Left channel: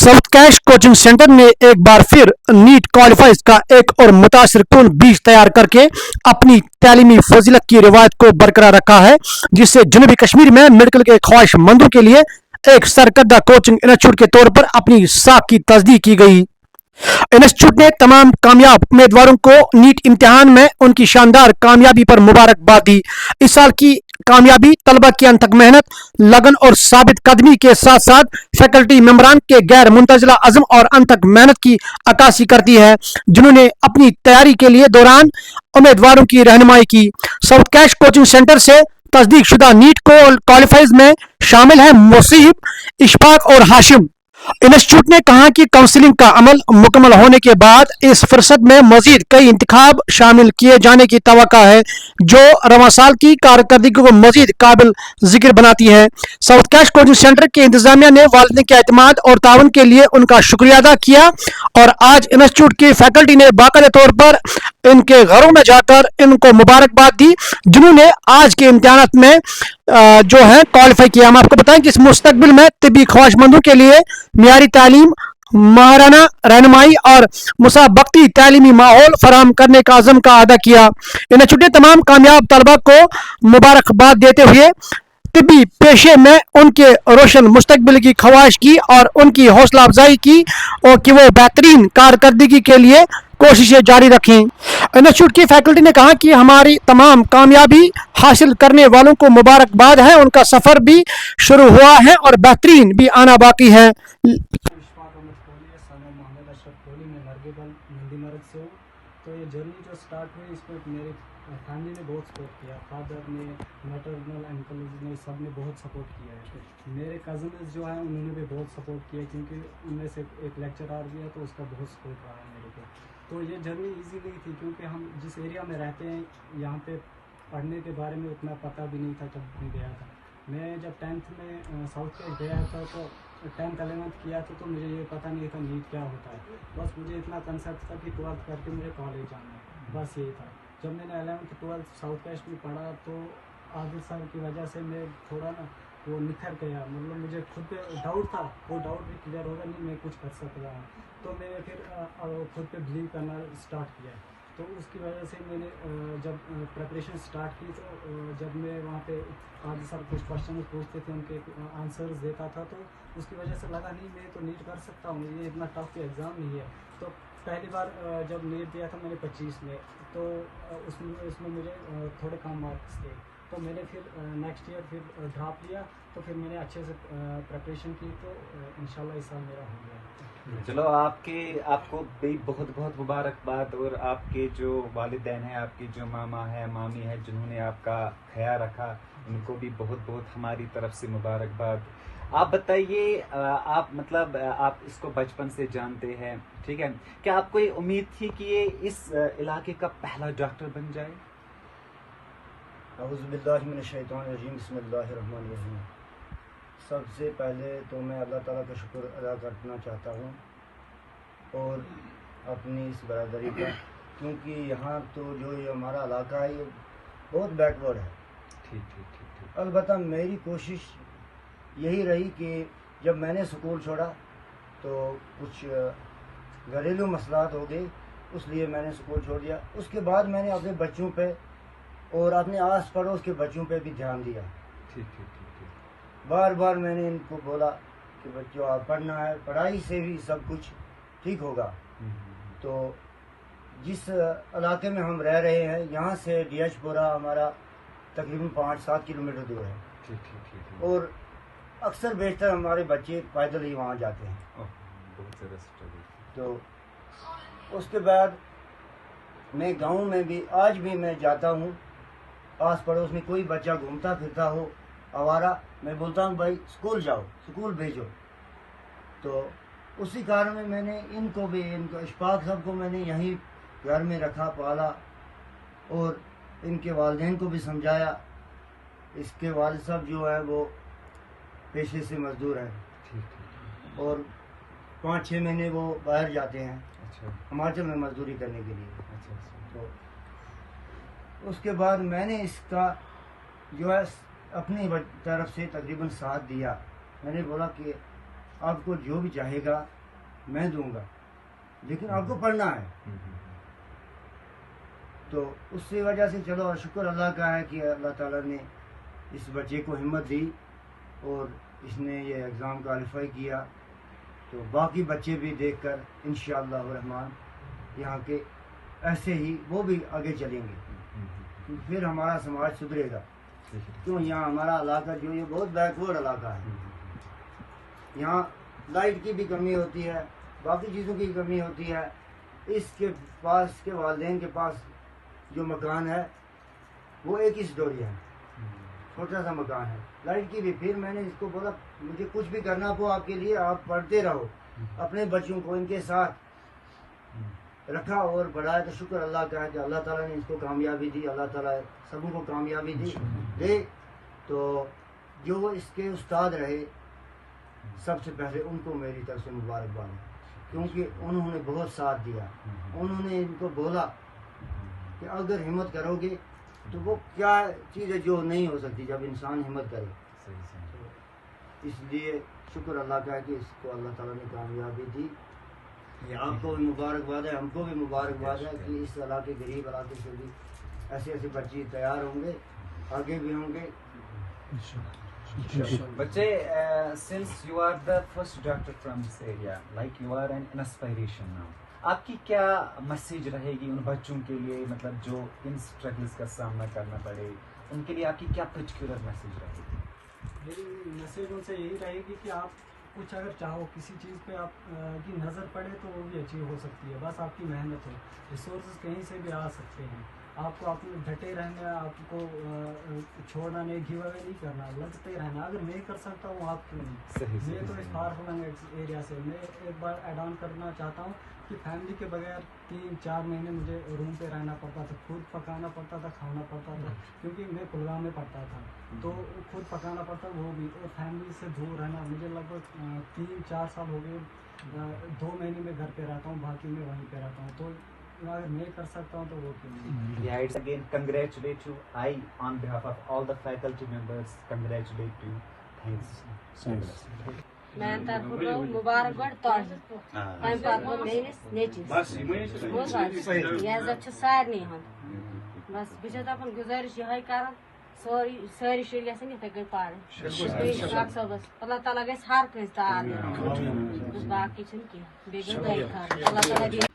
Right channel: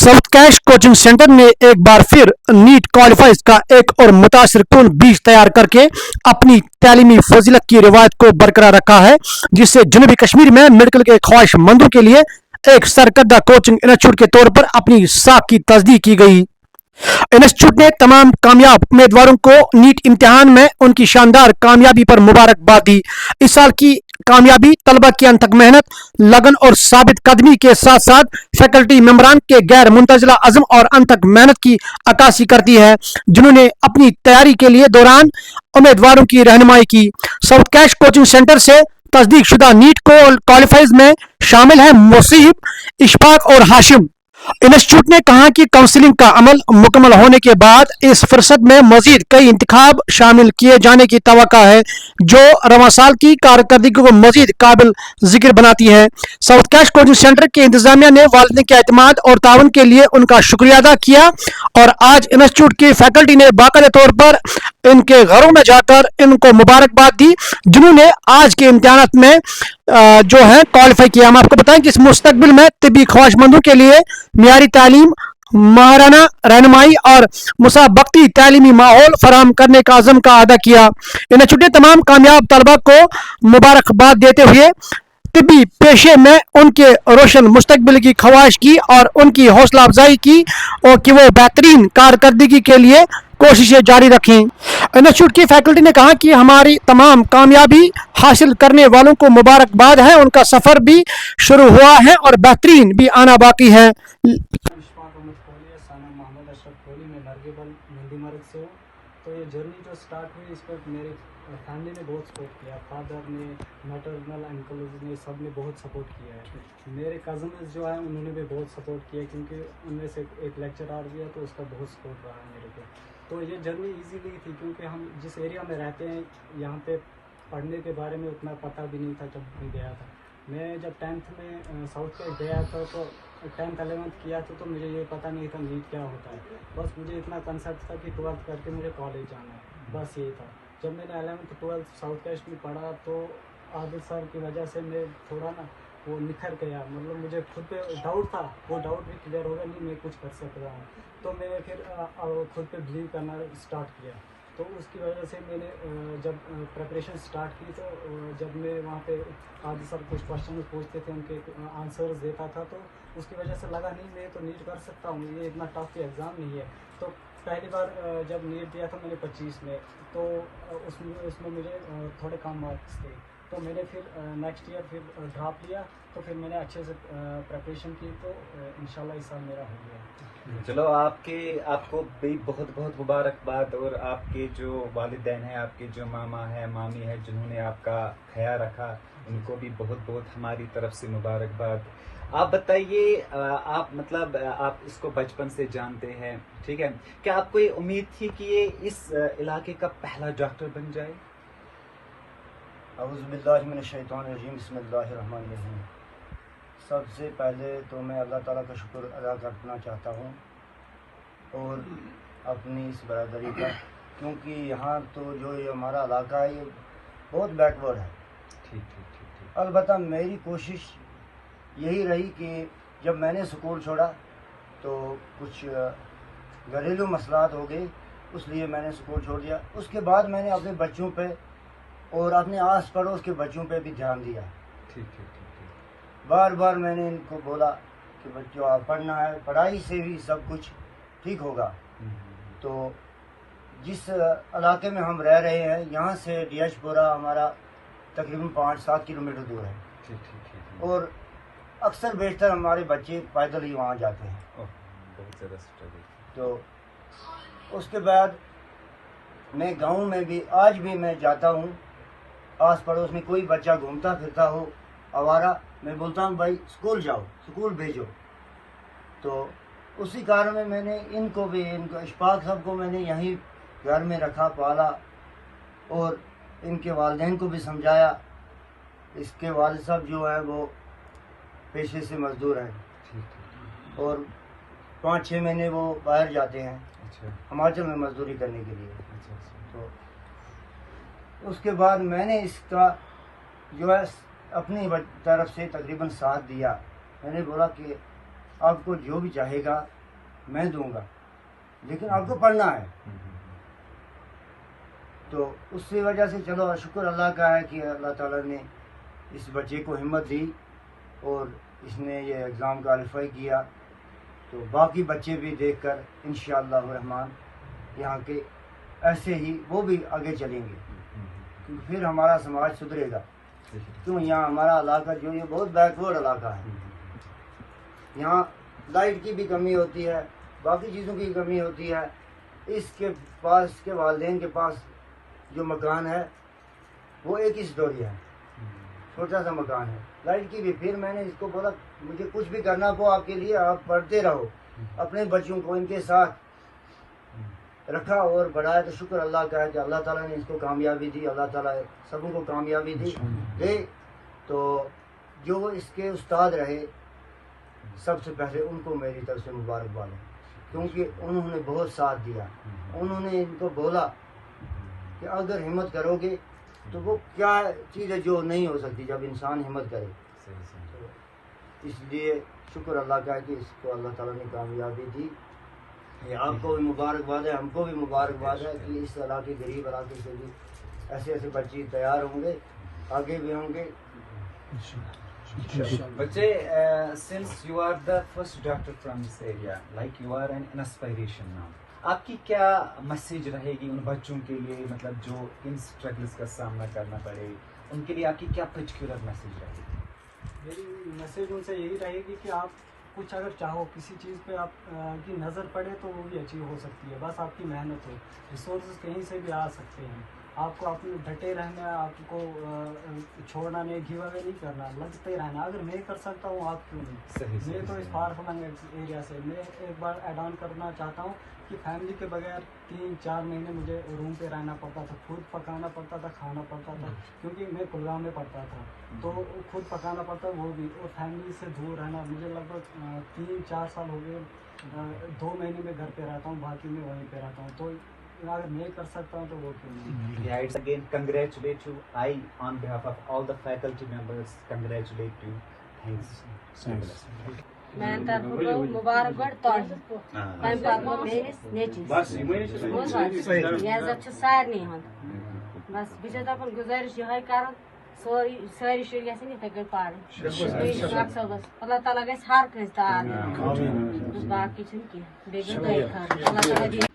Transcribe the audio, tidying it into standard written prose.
South cash coaching centre ने एक बार फिर नीट क्वालिफाइज का एक और मुतासिर कुन बीज तैयार करके अपनी तालीमी फजीलत की रिवायत को बरकरार रखा है, जिससे जनूबी कश्मीर में मेडिकल के ख्वाहिशमंदों के लिए एक सरकर्दा कोचिंग इंस्टीट्यूट के तौर पर अपनी साख की तस्दीक की गई। इंस्टीट्यूट ने तमाम कामयाब उम्मीदवारों को नीट इम्तिहान में उनकी शानदार कामयाबी पर मुबारकबाद दी। इस साल की कामयाबी तलबा की अनथक मेहनत, लगन और साबित कदमी के साथ साथ फैकल्टी मेंबरान के गैर मुंतजिला अज़्म और अनथक मेहनत की अक्कासी करती है, जिन्होंने अपनी तैयारी के लिए दौरान उम्मीदवारों की रहनुमाई की। साउथ कैश कोचिंग सेंटर से तस्दीक शुदा नीट क्वालिफाइज में शामिल हैं मुसीब, इशफाक और हाशिम। इंस्टीट्यूट ने कहा कि काउंसलिंग का अमल मुकम्मल होने के बाद इस फुर्सत में मजीद कई इंतखाब शामिल किए जाने की तवक्को है, जो रवां साल की कारकर्दगी को मजीद काबिल जिक्र बनाती है। साउथ कैश कोचिंग सेंटर के इंतजामिया ने वालिदैन के एतमाद और ताउन के लिए उनका शुक्रिया अदा किया और आज इंस्टीट्यूट की फैकल्टी ने बाकायदा तौर पर इनके घरों में जाकर इनको मुबारकबाद दी, जिन्होंने आज के इम्तिहानात में जो है क्वालिफाई किया। हम आपको बताएं कि इस मुस्तकबिल में तिब्बी ख्वाहिशमंदों के लिए मियारी तालीम, माहराना रहनुमाई और मुसाबकती तालीमी माहौल फराहम करने का अज़म का अदा किया। इंस्टीट्यूट ने तमाम कामयाब तलबा को मुबारकबाद देते हुए तिब्बी पेशे में उनके रोशन मुस्तकबिल की ख्वाहिश की और उनकी हौसला अफजाई की और कि वो बेहतरीन कारकर्दगी के लिए कोशिशें जारी रखें। इंस्टीट्यूट की फैकल्टी ने कहा कि हमारी तमाम कामयाबी हासिल करने वालों को मुबारकबाद है, उनका सफ़र भी शुरू हुआ है और बेहतरीन भी आना बाकी है। तो ये जर्नी जो स्टार्ट हुई इस पर मेरी फैमिली ने बहुत सपोर्ट किया, फादर ने, मैटरनल अंकल्स ने, सब ने बहुत सपोर्ट किया है। मेरे कज़न जो है उन्होंने भी बहुत सपोर्ट किया, क्योंकि उनमें से एक लेक्चरर भी है तो उसका बहुत सपोर्ट रहा है मेरे को। तो ये जर्नी ईजी नहीं थी, क्योंकि हम जिस एरिया में रहते हैं यहाँ पे पढ़ने के बारे में उतना पता भी नहीं था जब मैं गया था। मैं जब 10th में साउथ कैश गया था तो 10th 11th किया था, तो मुझे ये पता नहीं था नीट क्या होता है। बस मुझे इतना कंसेप्ट था कि 12th करके मुझे कॉलेज जाना है, बस यही था। जब मैंने 11th 12th साउथ कैश में पढ़ा तो आदिल सर की वजह से मैं थोड़ा ना वो निखर गया, मतलब मुझे खुद पे डाउट था, वो डाउट भी क्लियर होगा नहीं मैं कुछ कर सकता हूँ। तो मैंने फिर खुद पे बिलीव करना स्टार्ट किया। तो उसकी वजह से मैंने जब प्रिपरेशन स्टार्ट की तो जब मैं वहाँ पे आदिल सर कुछ क्वेश्चन पूछते थे, उनके आंसर्स देता था, तो उसकी वजह से लगा नहीं मैं तो नीट कर सकता हूँ, ये इतना टफ एग्ज़ाम नहीं है। तो पहली बार जब नीट दिया था मैंने 25 में, तो उसमें मुझे थोड़े कम मार्क्स थे, तो मैंने फिर नेक्स्ट ईयर फिर ड्रॉप लिया। तो फिर मैंने अच्छे से प्रिपरेशन की, तो इंशाल्लाह इस साल मेरा हो गया। चलो आपको भी बहुत बहुत मुबारकबाद, और आपके जो वालिदैन हैं, आपके जो मामा है, मामी है, जिन्होंने आपका ख्याल रखा, उनको भी बहुत बहुत हमारी तरफ से मुबारकबाद। आप बताइए, आप मतलब आप इसको बचपन से जानते हैं, ठीक है, क्या आपको ये उम्मीद थी कि ये इस इलाके का पहला डॉक्टर बन जाए? औज़ु बिल्लाहि मिनश शैतानिर रजीम, बिस्मिल्लाहिर रहमानिर रहीम। सबसे पहले तो मैं अल्लाह ताला का शुक्र अदा करना चाहता हूँ और अपनी इस बरादरी का, क्योंकि यहाँ तो जो ये हमारा इलाका है ये बहुत बैकवर्ड है। ठीक। अलबत्ता मेरी कोशिश यही रही कि जब मैंने स्कूल छोड़ा तो कुछ घरेलू मसलात हो गई, इसलिए मैंने स्कूल छोड़ दिया। उसके बाद मैंने अपने बच्चों पे और अपने आस पड़ोस के बच्चों पे भी ध्यान दिया। ठीक। बार बार मैंने इनको बोला कि बच्चों आप पढ़ना है, पढ़ाई से भी सब कुछ ठीक होगा। तो जिस इलाके में हम रह रहे हैं यहाँ से डियाशपुरा हमारा तकरीबन 5-7 किलोमीटर दूर है। ठीक। और अक्सर बेशतर हमारे बच्चे पैदल ही वहाँ जाते हैं। बहुत ज़्यादा। तो उसके बाद मैं गांव में भी आज भी मैं जाता हूँ, आस पड़ोस में कोई बच्चा घूमता फिरता हो आवारा, मैं बोलता हूँ भाई स्कूल जाओ, स्कूल भेजो। तो उसी कारण में मैंने इनको इशफाक साहब को मैंने यहीं घर में रखा, पाला और इनके वालिदैन को भी समझाया। इसके वालिद साहब जो है वो पेशे से मजदूर हैं और 5-6 महीने वो बाहर जाते हैं हिमाचल में मजदूरी करने के लिए। तो उसके बाद मैंने इसका जो है अपनी तरफ से तकरीबन साथ दिया। मैंने बोला कि آپ کو جو بھی چاہے گا میں دوں گا، لیکن آپ کو پڑھنا ہے. تو اس کی وجہ سے چلو شکر اللہ کا ہے کہ اللہ تعالیٰ نے اس بچے کو ہمت دی اور اس نے یہ ایگزام کوالیفائی کیا. تو باقی بچے بھی دیکھ کر انشاءاللہ الرحمن یہاں کے ایسے ہی وہ بھی آگے چلیں گے، پھر ہمارا سماج سدھرے گا. کیوں یہاں ہمارا علاقہ جو یہ بہت بیکورڈ علاقہ ہے، یہاں لائٹ کی بھی کمی ہوتی ہے، باقی چیزوں کی کمی ہوتی ہے. اس کے پاس، اس کے والدین کے پاس جو مکان ہے وہ ایک ہی سٹوری ہے، چھوٹا سا مکان ہے، لائٹ کی بھی. پھر میں نے اس کو بولا مجھے کچھ بھی کرنا ہو آپ کے لیے، آپ پڑھتے رہو، اپنے بچوں کو ان کے ساتھ رکھا اور بڑھایا. تو شکر اللہ کا ہے کہ اللہ تعالیٰ نے اس کو کامیابی دی، اللہ تعالیٰ سبوں کو کامیابی دے. تو جو اس کے استاد رہے سب سے پہلے ان کو میری طرف سے مبارکباد ہے، کیونکہ انہوں نے بہت ساتھ دیا. انہوں نے ان کو بولا کہ اگر ہمت کرو گے تو وہ کیا چیز ہے جو نہیں ہو سکتی جب انسان ہمت کرے. اس لیے شکر اللہ کا ہے کہ اس کو اللہ تعالیٰ نے کامیابی دی. یہ آپ کو بھی مبارکباد ہے، ہم کو بھی مبارکباد ہے کہ اس علاقے غریب علاقے سے بھی ایسے ایسے بچے تیار ہوں گے، آگے بھی ہوں گے. Bachche, since you are the first doctor from this area, like you are an inspiration now. آپ کی کیا میسیج رہے گی ان بچوں کے لیے، مطلب جو ان اسٹرگلس کا سامنا کرنا پڑے، ان کے لیے آپ کی کیا پرٹیکولر میسیج رہے گی؟ میری میسیج ان سے یہی رہے گی کہ آپ کچھ اگر چاہو، کسی چیز پہ آپ کی نظر پڑے تو وہ بھی اچیو ہو سکتی ہے، بس آپ کی محنت ہو. ریسورسز کہیں سے بھی آ سکتے ہیں. آپ کو اپنے ڈٹے رہنا، آپ کو چھوڑنا نہیں، گیو اوے نہیں کرنا، لگتے رہنا. اگر میں کر سکتا ہوں آپ کیوں نہیں؟ میں تو اس فار فلنگ ایریا سے میں ایک بار ایڈ آن کرنا چاہتا ہوں کہ فیملی کے بغیر 3-4 مہینے مجھے روم پہ رہنا پڑتا تھا، خود پکانا پڑتا تھا، کھانا پڑتا تھا، کیونکہ میں کلگام میں پڑھتا تھا تو خود پکانا پڑتا وہ بھی، اور فیملی سے دور رہنا. مجھے لگ بھگ 3-4 سال ہو گئے، 2 مہینے میں گھر پہ رہتا ہوں، باقی میں وہیں پہ رہتا ہوں. تو اگر میں کر سکتا ہوں تو وہ کیوں نہیں. Yeah, it's again congratulate you. I, on behalf of all the faculty members, congratulate you. Thanks. میٛانہِ طرفہٕ گوٚو مُبارکباد تۄہہِ، تَمہِ پَتہٕ گوٚو میٛٲنِس نیٚچوِس. بوٗز حظ، یہِ عزت چھُ سارنٕے ہُنٛد. بس بہٕ چھَس دَپان گُزٲرِش یِہوٚے کَران، سٲری شُرۍ گژھن یِتھَے کٔنۍ پَرٕنۍ. ڈاکٹر صٲبَس اللہ تعالیٰ گژھِ ہر کٲنٛسہِ تعاون، باقٕے چھُنہٕ کیٚنٛہہ. بیٚیہِ گٔے دۄیہِ خٲر اللہ تعالیٰ دِیِن